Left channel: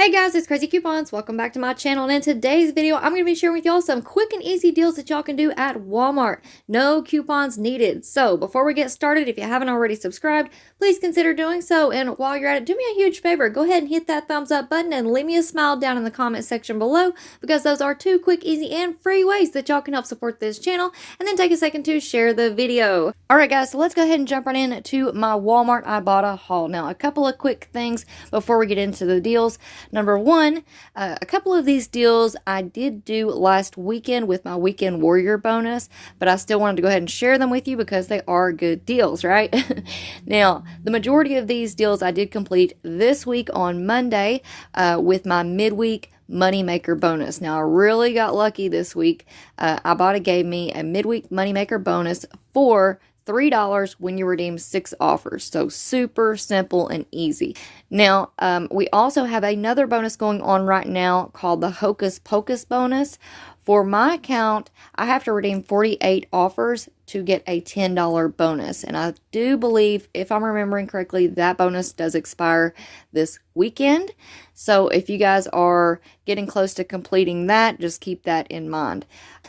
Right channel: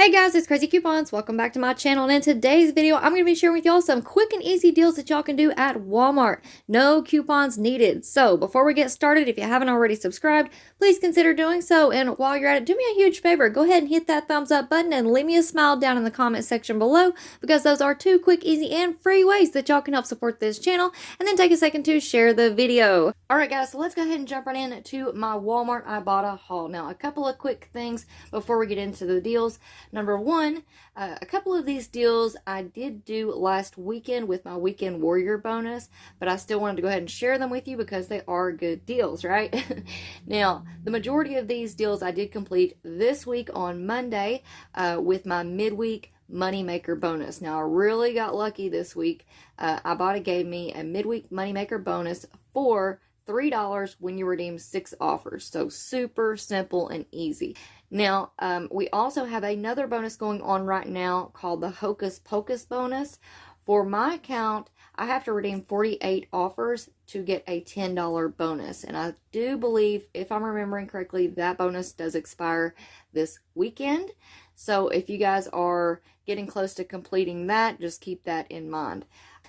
Hey guys, it's Crazy Coupons. Welcome back to my channel, and in today's video, I'm going to be sharing with y'all some quick and easy deals that y'all can do at Walmart. No coupons needed. So before we get started, if you haven't already subscribed, please consider doing so. And while you're at it, do me a huge favor. Go ahead and hit that thumbs up button and leave me a smile down in the comment section below, because those are two quick, easy, and free ways that y'all can help support this channel. And then take a second to share the video. Alright guys, so let's go ahead and jump right into my Walmart Ibotta haul. Now, a couple of quick things before we get into the deals. Number one, a couple of these deals I did do last weekend with my Weekend Warrior bonus, but I still wanted to go ahead and share them with you because they are good deals, right? Now, the majority of these deals I did complete this week on Monday with my midweek Moneymaker bonus. Now, I really got lucky this week. Ibotta gave me a midweek Moneymaker bonus for $3 when you redeem 6 offers. So super simple and easy. Now, we also have another bonus going on right now called the Hocus Pocus bonus. For my account, I have to redeem 48 offers to get a $10 bonus. And I do believe, if I'm remembering correctly, that bonus does expire this weekend. So if you guys are getting close to completing that, just keep that in mind.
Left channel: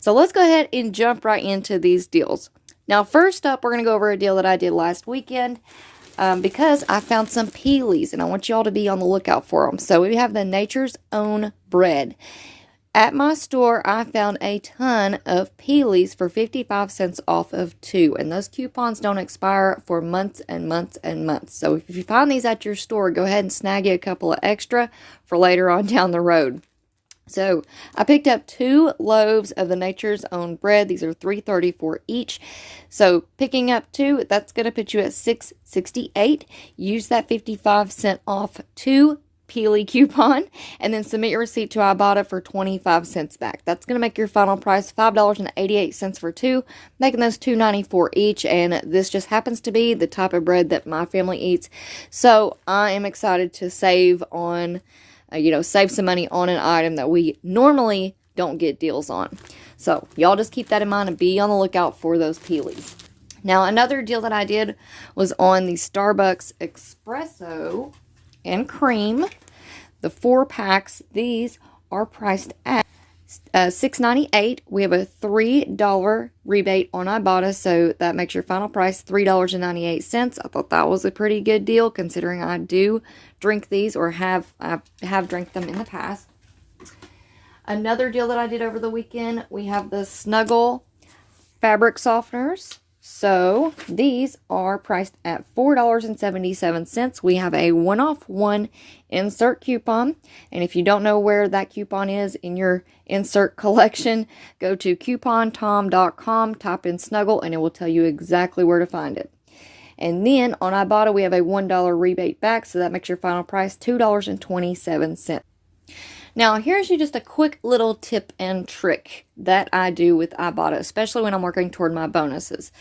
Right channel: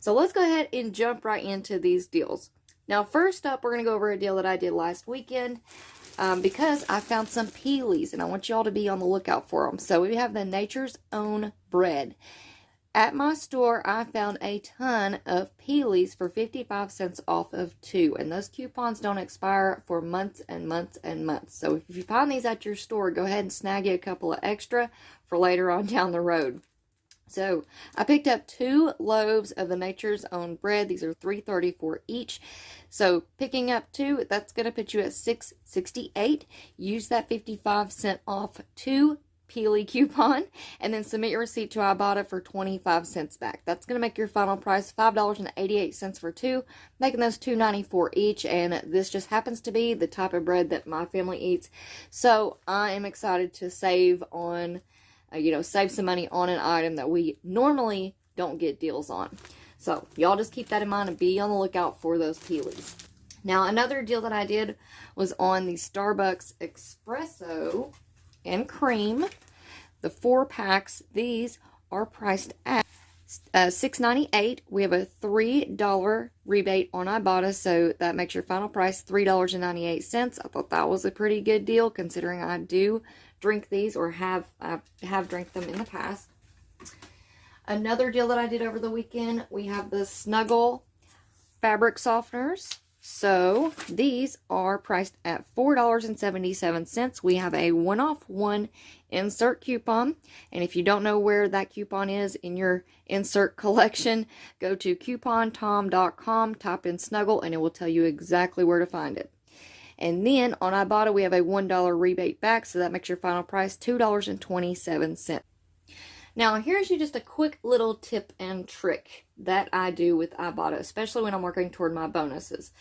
So let's go ahead and jump right into these deals. Now, first up, we're going to go over a deal that I did last weekend because I found some peelies, and I want y'all to be on the lookout for them. So we have the Nature's Own bread. At my store, I found a ton of peelies for 55 cents off of 2, and those coupons don't expire for months and months and months. So if you find these at your store, go ahead and snag you a couple of extra for later on down the road. So I picked up 2 loaves of the Nature's Own bread. These are $3.34 each. So picking up 2, that's going to put you at $6.68. Use that 55-cent off 2 Peely coupon, and then submit your receipt to Ibotta for 25 cents back. That's going to make your final price $5.88 for 2, making those $2.94 each. And this just happens to be the type of bread that my family eats. So I am excited to save on save some money on an item that we normally don't get deals on. So y'all just keep that in mind and be on the lookout for those peelies. Now, another deal that I did was on the Starbucks Espresso and Cream. The 4 packs, these are priced at $6.98. We have a $3 rebate on Ibotta, so that makes your final price $3.98. I thought that was a pretty good deal considering I do drink these, or I have drank them in the past. Another deal that I did over the weekend, we have the Snuggle fabric softeners. So these are priced at $4.77. We have a 1-off-1 insert coupon, and if you don't know where that coupon is in your insert collection, go to coupontom.com, type in Snuggle, and it will tell you exactly where to find it. And then on Ibotta, we have a $1 rebate back, so that makes your final price $2.27. Now, here's just a quick little tip and trick that I do with Ibotta, especially when I'm working toward my bonuses.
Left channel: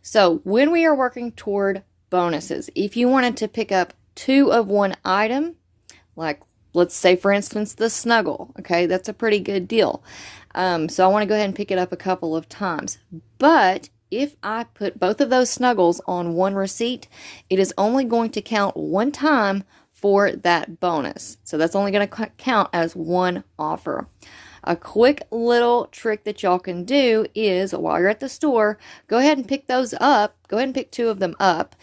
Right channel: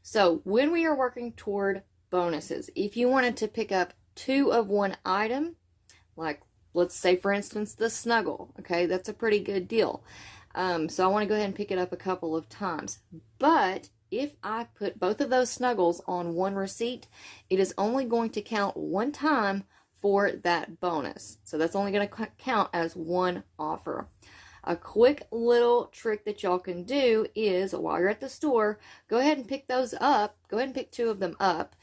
So when we are working toward bonuses, if you wanted to pick up 2 of one item, like let's say, for instance, the Snuggle, okay, that's a pretty good deal. So I want to go ahead and pick it up a couple of times. But if I put both of those Snuggles on one receipt, it is only going to count one time for that bonus. So that's only going to count as one offer. A quick little trick that y'all can do is, while you're at the store, go ahead and pick those up. Go ahead and pick 2 of them up.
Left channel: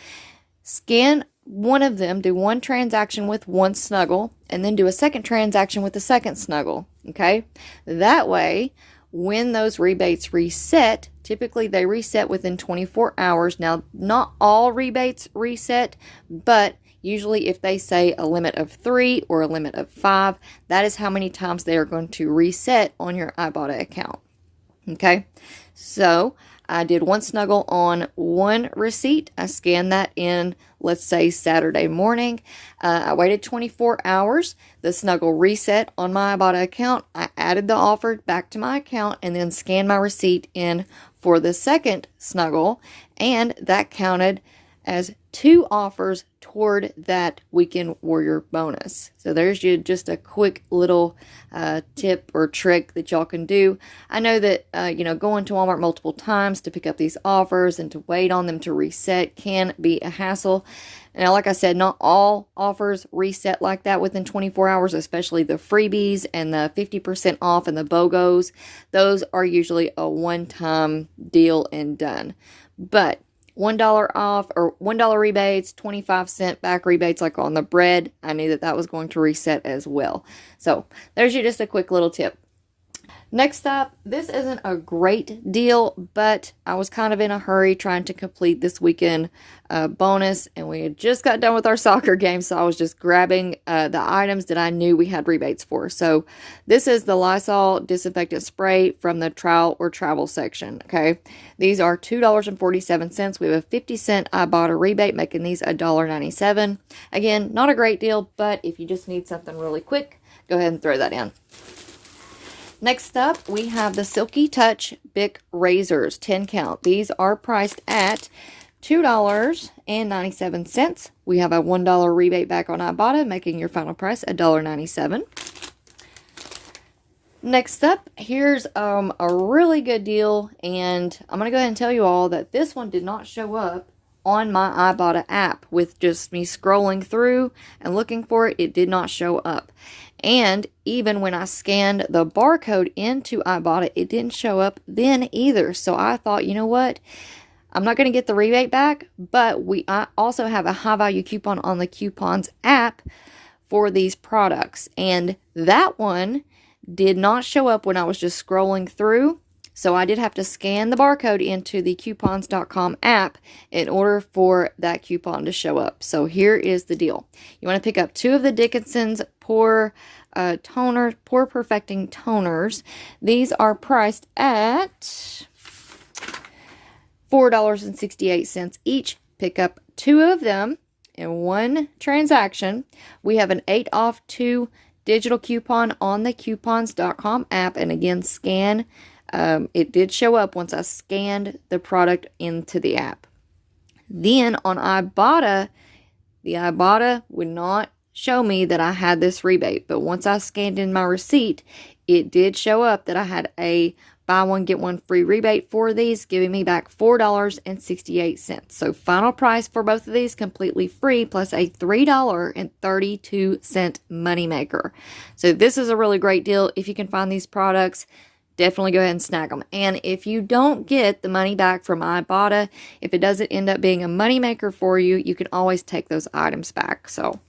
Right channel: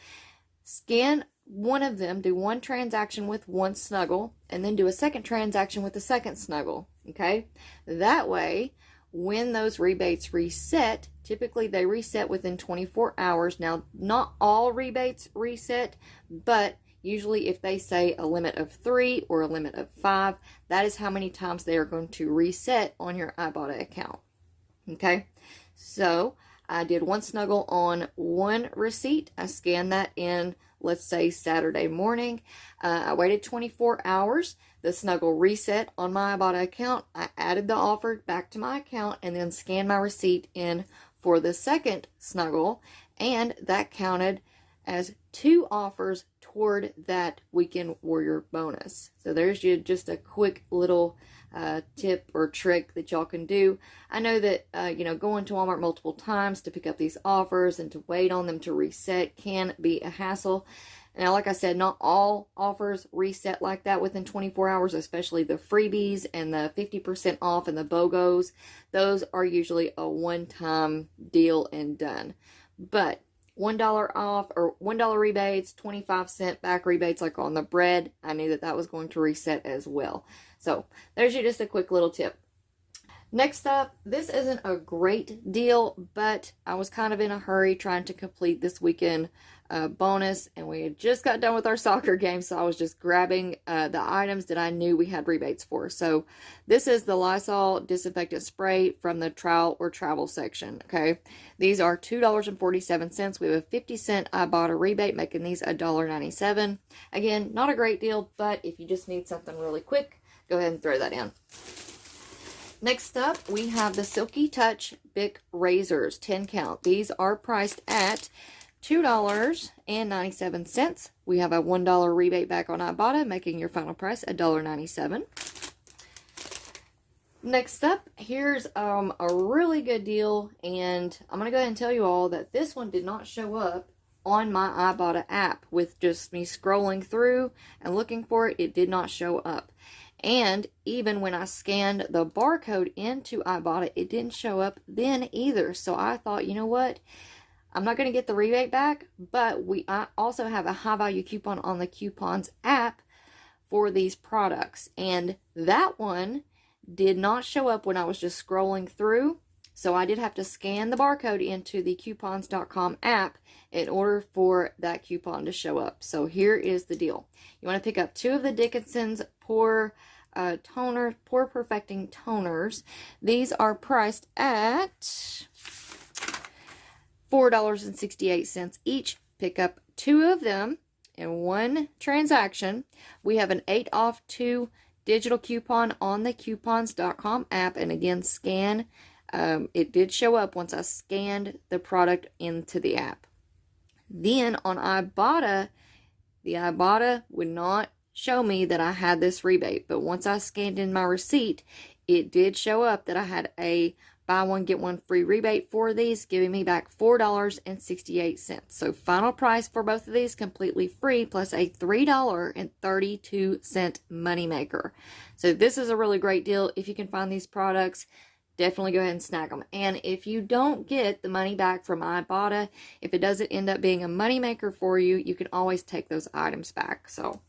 Scan one of them, do one transaction with one Snuggle, and then do a second transaction with the second Snuggle. Okay? That way, when those rebates reset, typically they reset within 24 hours. Now, not all rebates reset, but usually if they say a limit of 3 or a limit of 5, that is how many times they are going to reset on your Ibotta account. Okay, so I did one Snuggle on one receipt. I scanned that in, let's say, Saturday morning. I waited 24 hours. The Snuggle reset on my Ibotta account. I added the offer back to my account and then scanned my receipt in for the second Snuggle, and that counted as 2 offers toward that weekend warrior bonus. So there's just a quick little tip or trick that y'all can do. I know that going to Walmart multiple times to pick up these offers and to wait on them to reset can be a hassle. Now, like I said, not all offers reset like that within 24 hours, especially the freebies and the 50% off and the BOGOs. Those are usually a one-time deal and done. But $1 off or $1 rebates, 25-cent back rebates like on the bread, I knew that was going to reset as well. So there's just a quick little tip. Next up, this isn't a great deal, but I was kind of in a hurry trying to complete this weekend bonus, and we had just got done with our soccer game, so I was just grabbing the items that I knew we had rebates for. So this is the Lysol disinfectant spray from the trial or travel section, okay? These are $2.47. We have a 50-cent Ibotta rebate, making these $1.97. Again, not a great deal, but if you just need something really quick, go ahead and throw that in. Next up, we have the Silky Touch Bic Razors 10 count. These are priced at $2.97. We have a $1 rebate back on Ibotta, making your final price $1.97. Next up, here's a really good deal, and I'm going to go ahead and tell you all that this one did not show up on my Ibotta app. With just me scrolling through and looking for it, it did not show up. And even when I scanned the barcode into Ibotta, it didn't show up then either. So I thought, you know what? I'm not going to get the rebate back, but I also have a high value coupon on the Coupons app for these products. And that one did not show up when I was just scrolling through. So I did have to scan the barcode into the coupons.com app in order for that coupon to show up. So here is the deal. You want to pick up 2 of the Dickinson's pore perfecting toners. These are priced at $4.68 each. Pick up 2 of them in one transaction. We have an 8 off 2 digital coupon on the coupons.com app, and again, scan. It did show up once I scanned the product into the app. Then on Ibotta, the Ibotta would not show me that I had this rebate, but once I scanned in my receipt, it did show up that I had a buy one get one free rebate for these, giving me back $4.68. So final price for both of these completely free, plus a $3.32 moneymaker. So this is a really great deal. If you can find these products, definitely go ahead and snag them. And if you don't get the money back from Ibotta, if it doesn't end up being a moneymaker for you, you can always take those items back. So,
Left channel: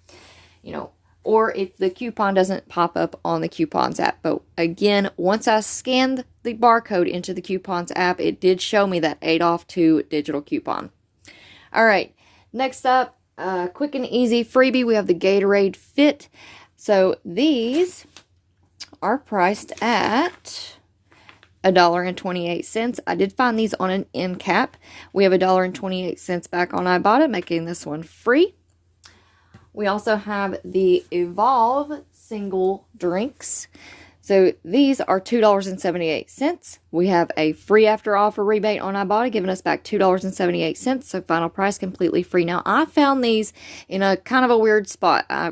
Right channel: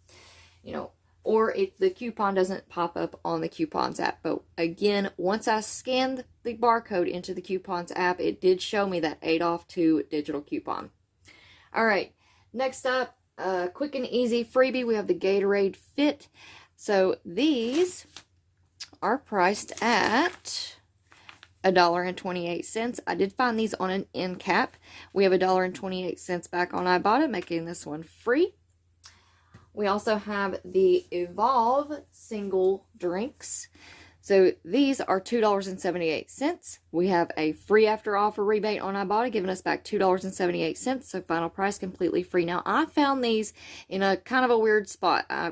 or if the coupon doesn't pop up on the Coupons app. But again, once I scanned the barcode into the Coupons app, it did show me that 8 off 2 digital coupon. All right, next up, quick and easy freebie. We have the Gatorade Fit. So these are priced at $1.28. I did find these on an end cap. We have $1.28 back on Ibotta, making this one free. We also have the Evolve single drinks. So these are $2.78. We have a free after offer rebate on Ibotta, giving us back $2.78. So final price completely free. Now I found these in a kind of a weird spot. A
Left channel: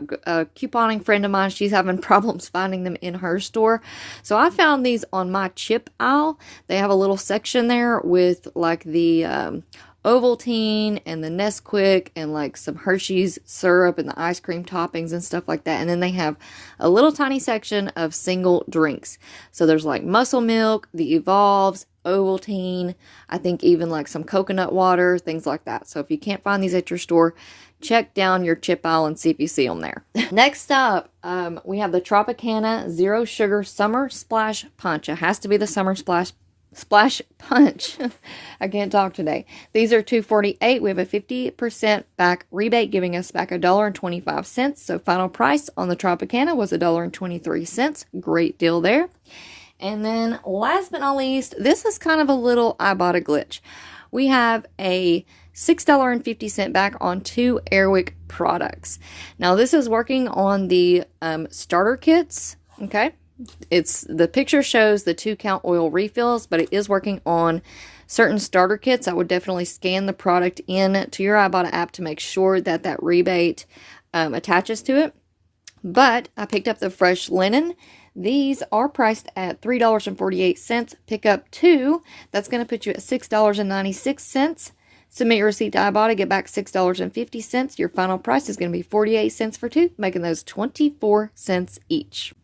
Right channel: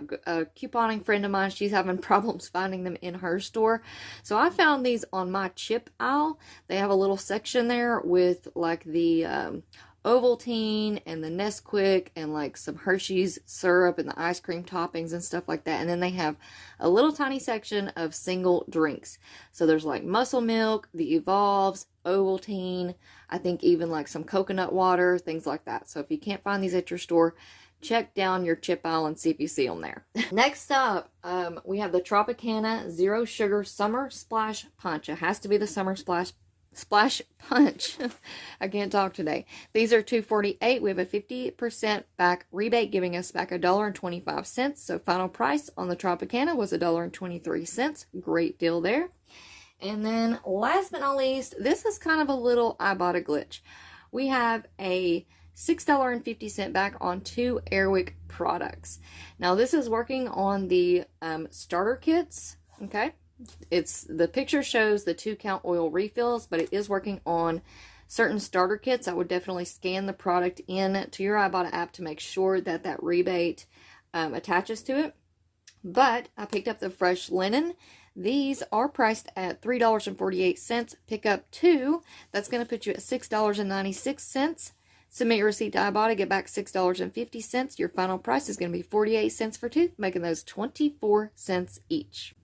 couponing friend of mine, she's having problems finding them in her store. So I found these on my chip aisle. They have a little section there with like the Ovaltine and the Nesquik and like some Hershey's syrup and the ice cream toppings and stuff like that. And then they have a little tiny section of single drinks. So there's like Muscle Milk, the Evolves, Ovaltine, I think even like some coconut water, things like that. So if you can't find these at your store, check down your chip aisle and see if you see them there. Next up, we have the Tropicana Zero Sugar Summer Splash Punch. It has to be the Summer Splash Punch. I can't talk today. These are $2.48. We have a 50% back rebate, giving us back $1.25. So final price on the Tropicana was $1.23. Great deal there. And then last but not least, this is kind of a little Ibotta glitch. We have a $6.50 back on 2 Airwick products. Now this is working on the starter kits. Okay. The picture shows the 2 count oil refills, but it is working on certain starter kits, I would definitely scan the product in to your Ibotta app to make sure that that rebate attaches to it. But I picked up the fresh linen. These are priced at $3.48. Pick up 2. That's going to put you at $6.96. Submit your receipt to Ibotta, get back $6.50. Your final price is going to be 48 cents for 2, making those 24 cents each.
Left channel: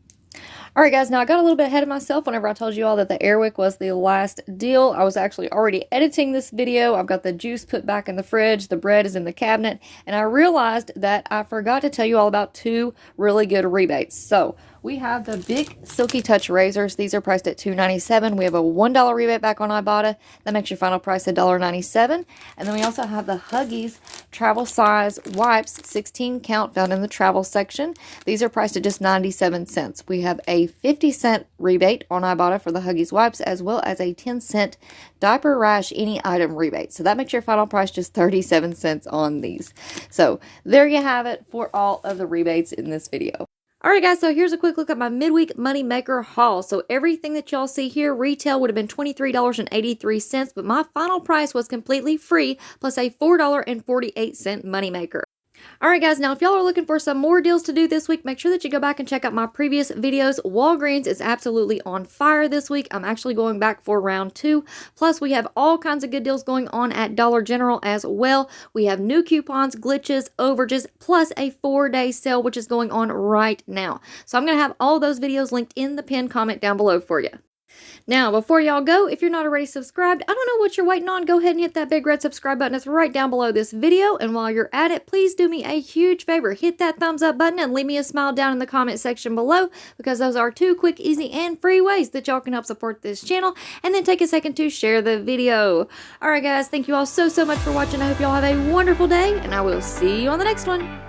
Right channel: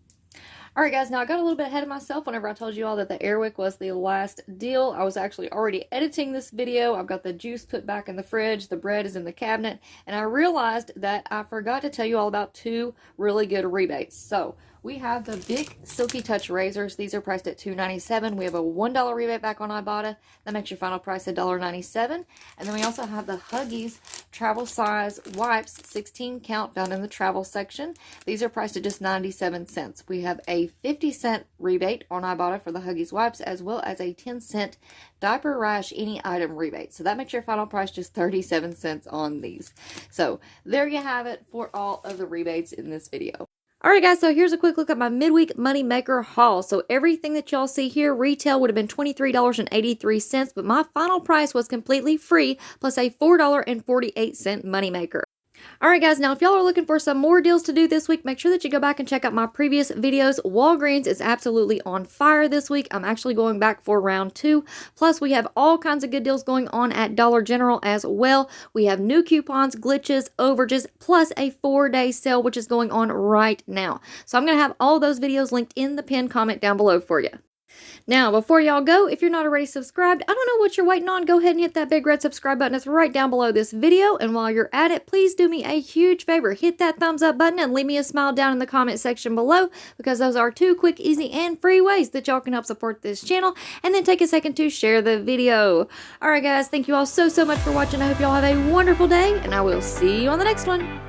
Alright guys, now I got a little bit ahead of myself whenever I told you all that the Airwick was the last deal. I was actually already editing this video. I've got the juice put back in the fridge, the bread is in the cabinet, and I realized that I forgot to tell you all about 2 really good rebates. So, we have the Bic Silky Touch razors. These are priced at $2.97. We have a $1 rebate back on Ibotta. That makes your final price $1.97. And then we also have the Huggies travel size wipes, 16 count, found in the travel section. These are priced at just 97 cents. We have a 50-cent rebate on Ibotta for the Huggies wipes, as well as a 10-cent diaper rash any item rebate. So that makes your final price just 37 cents on these. So there you have it for all of the rebates in this video. Alright guys, so here's a quick look at my midweek money maker haul. So everything that y'all see here, retail would have been $23.83, but my final price was completely free, plus a $4.48 money maker. Alright guys, now if y'all are looking for some more deals to do this week, make sure that you go back and check out my previous videos. Walgreens is absolutely on fire this week. I'm actually going back for round 2. Plus, we have all kinds of good deals going on at Dollar General as well. We have new coupons, glitches, overages, plus a 4-day sale, which is going on right now. So I'm going to have all those videos linked in the pinned comment down below for you. Now, before y'all go, if you're not already subscribed, I don't know what you're waiting on. Go ahead and hit that big red subscribe button. It's right down below this video. And while you're at it, please do me a huge favor. Hit that thumbs up button and leave me a smile down in the comment section below, because those are 2 quick, easy, and free ways that y'all can help support this channel. And then take a second to share the video. Alright guys, thank you all so much for watching. I hope y'all have a wonderful day, and I will see you on the next one.